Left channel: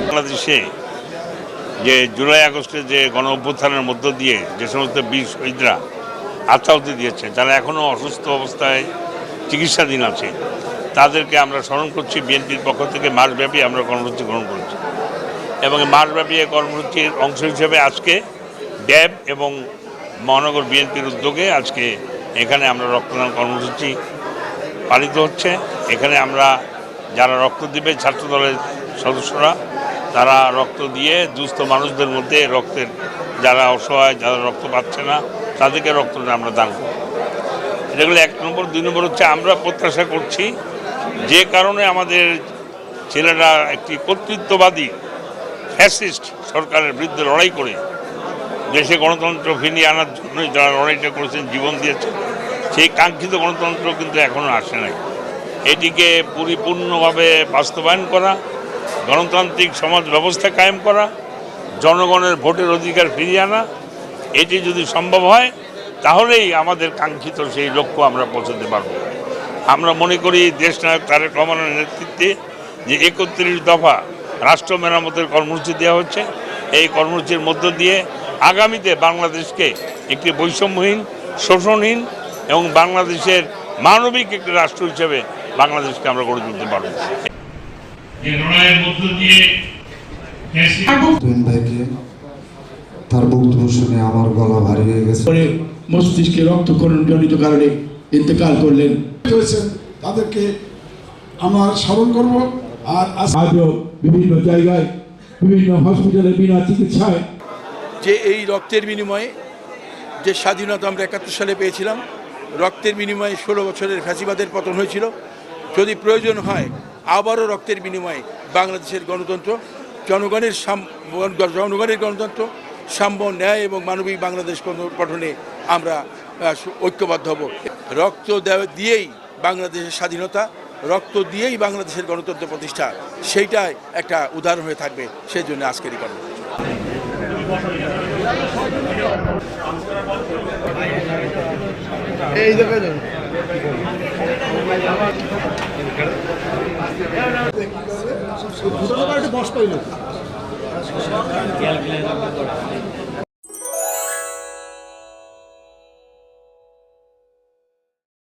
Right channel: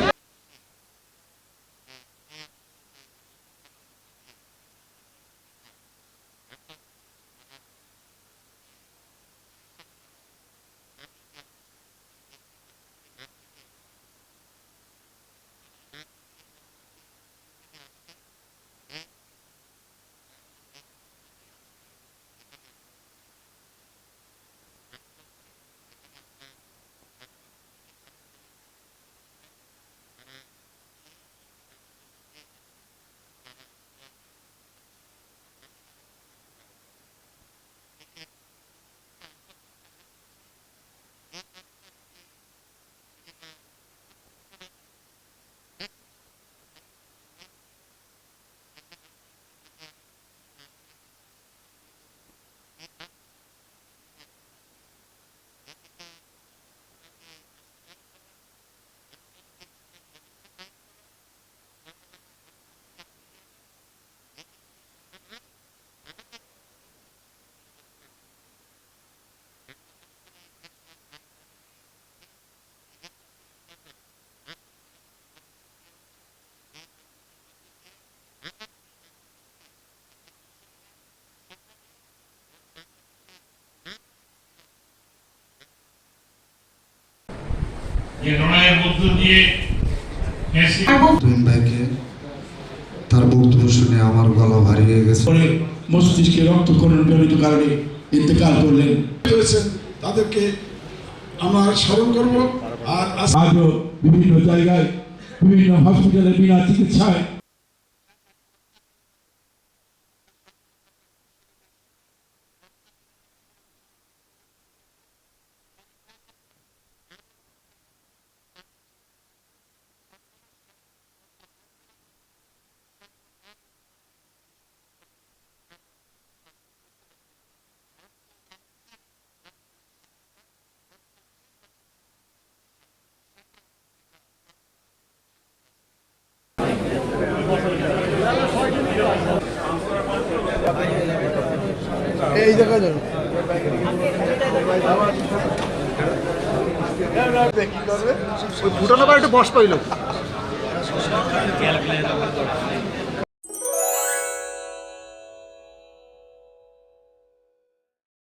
বাংলাদেশে যে জুলাই আগস্টে যে গণ অভ্যুত্থানের মধ্য দিয়ে যে সমস্ত বীর শহীদরা আত্মাহুতি দিয়েছে তারা এখনও অসুস্থ অবস্থায় চিকিৎসাধীন আছে তাদেরকে আমরা স্মরণ করছি, বিএনপির পক্ষ থেকে মাসব্যাপী আমরা কর্মসূচি গ্রহণ করেছি। এবং মাসব্যাপী এই কর্মসূচির অংশ হিসেবে আজকে ড্যাব এবং মহানগর বিএনপির উদ্যোগে আজকে এখানে আমরা রক্তদান কর্মসূচি পালিত হচ্ছে। এখানে আমরা যারা রক্ত দিবে ছাত্র দলের সদস্যরা, তারা রক্ত দিয়ে দুস্থ মানুষদের মধ্যে রক্তের যারা অসহায়, যারা রক্ত পাচ্ছে না, তাদেরকে রক্তটা আমরা দান করব। এগুলো এক নম্বর। দুই নম্বর হচ্ছে আমরা প্রত্যাশা করছি যে কারণে আমাদের ছেলেরা একটি কর্তৃত্ববাদী ফ্যাসিস্ট সরকারের বিরুদ্ধে লড়াই করে দেশে গণতন্ত্র ফিরিয়ে আনার জন্যই যারা লড়াইটা করেছেন, জীবন দিয়েছেন, সেই কাঙ্ক্ষিত গণতন্ত্র কিন্তু এখনও আসে নাই। এটিকে পরিপূর্ণভাবে বাস্তবায়ন করা, গণতান্ত্রিক সমাজ ব্যবস্থা কায়েম করা, জনগণের ভোটের অধিকার ফিরিয়ে আনা, এটি যদি সম্ভব হয়, তাহলেই আমাদের কাঙ্ক্ষিত সেই লক্ষ্য আমরা পৌঁছতে পারব। আমরা মনে করি দেশ নায়ক তারেক রহমানের নেতৃত্বে যে একত্রিশ দফা রাষ্ট্র মেরামতের কর্মসূচি দেওয়া হচ্ছে এই কর্মসূচির মধ্য দিয়ে আগামীতে বাংলাদেশকে একটি বৈষম্যহীন শোষণহীন এবং বাংলাদেশের মানবিক একটি রাষ্ট্র হিসেবে বাংলাদেশকে আমরা গড়ে তুলতে পারব। তার বক্তব্য শুনে আমার গলা ভারী হয়ে গেছে। মস্তিষ্কে রক্তক্ষরণ জনিত কারণে ইন্তেকাল করলেন। হয়েছেন তাদেরকে আমরা স্মরণ করব আর আজ আজও বিভিন্ন জায়গায়, বিভিন্ন হসপিটালে বিনা চিকিৎসায় যে এই রক্তের বিনিময়ে যে স্বাধীনতা আমরা একাত্তর সালে পেয়েছিলাম, রক্তের বিনিময়ে ষোলো বছরের ফ্যাসিবাদের পতন হয়েছিল। যদি প্রয়োজন হয়, আবারও রক্তের বিনিময়ে বাংলাদেশের গণতন্ত্র, জনগণের জনগণের গণতন্ত্র, সাম্য, ন্যায় এবং মানবিক বাংলাদেশ গঠনে আমরা ঐক্যবদ্ধ হব। রক্ত দিয়েই বাংলাদেশের স্বাধীনতা, রক্ত দিয়েই বাংলাদেশের গণতন্ত্র প্রতিষ্ঠা। সেইটাই একটা উদাহরণ হয়ে থাকবে, সেই জন্য আজকের এই কর্মসূচি। ফুটানো একটু বস পাইল।